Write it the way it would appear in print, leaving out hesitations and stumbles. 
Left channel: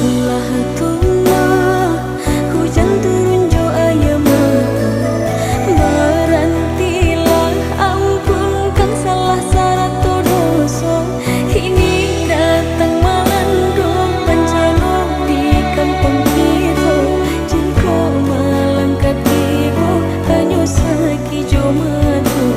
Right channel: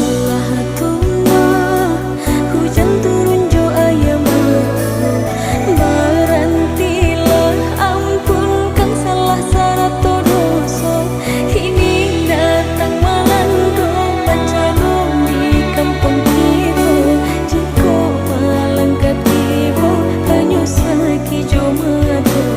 Allah tuma hujan turun jo ayam mato, berantilah ampunkan salah sarato doso. Ini datang melando bencana di kampung kita, jika malangkat ibu hanya sakit jo mato.